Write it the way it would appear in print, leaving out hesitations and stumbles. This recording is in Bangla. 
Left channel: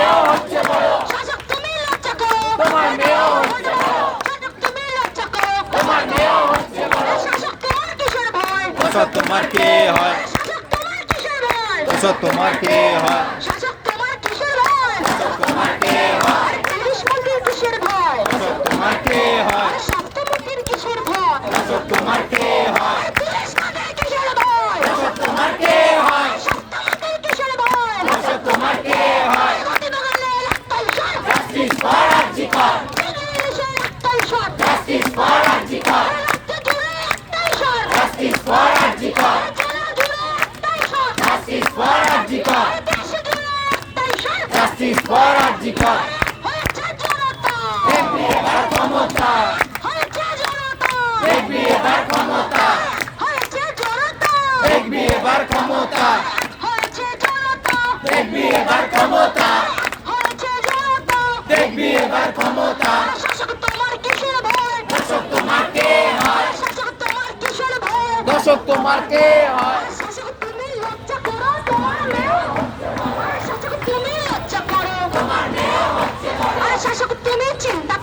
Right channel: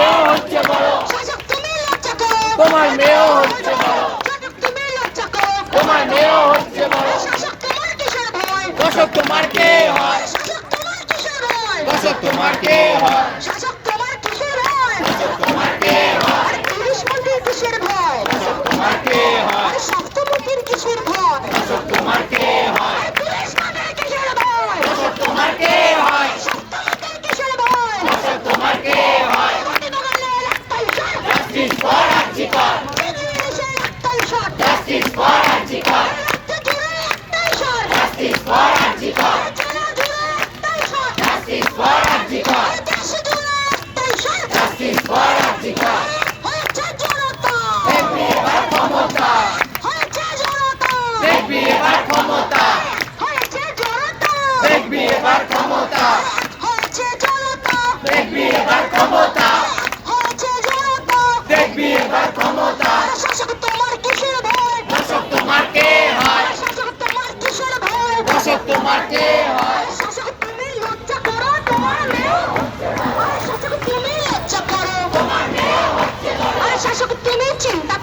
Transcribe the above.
মেয়েও হচ্ছে বড়, শাসক তুমি লজ্জা করো, তোমার মেয়েও হচ্ছে বড়, শাসক তুমি লজ্জা করো, তোমার মেয়েও হচ্ছে বড়। শাসক তোমার কিসের ভয়, দোষক তোমার কে হয়, শাসক তোমার কিসের ভয়, দোষক তোমার কে হয়, শাসক তোমার কিসের ভয়, দোষক তোমার কে হয়, আর পুলিশ মন্ত্রীর কিসের ভয়, দোষক তোমার কে হয়, আর স্বাস্থ্যমন্ত্রীর কিসের ভয়, দোষক তোমার কে হয়, আর পুলিশ মন্ত্রীর কিসের ভয়, দোষক তোমার কে হয়, স্বাস্থ্যমন্ত্রীর কিসের ভয়, দোষক তোমার কে হয়। প্রতিবাদের একটাই শর্ত, জাস্টিস ফর আরজিকর, বাংলাদেশের একটাই শর্ত, জাস্টিস ফর আরজিকর, রাজ্য জুড়ে একটাই শর্ত, জাস্টিস ফর আরজিকর, জেলা জুড়ে একটাই শর্ত, জাস্টিস ফর আরজিকর, দেশ জুড়ে একটাই শর্ত, জাস্টিস ফর আরজিকর। হয়েছে জনতা, দেখবি এবার ক্ষমতা, হয়েছে জনতা, দেখবি এবার ক্ষমতা, হয়েছে জনতা, দেখবি এবার ক্ষমতা, হয়েছে জনতা, দেখবি এবার ক্ষমতা, হয়েছে জনতা, দেখবি এবার ক্ষমতা। শাসক তোমার কিসের ভয়, দোষক তোমার কে হয়, শাসক তোমার কিসের ভয়, দোষক তোমার কে হয়, শাসক তুমি লজ্জা করো, তোমার মেয়ে শাসক তুমি লজ্জা করো, তোমার মেয়েও হচ্ছে বড়, শাসক তুমি চিন্তা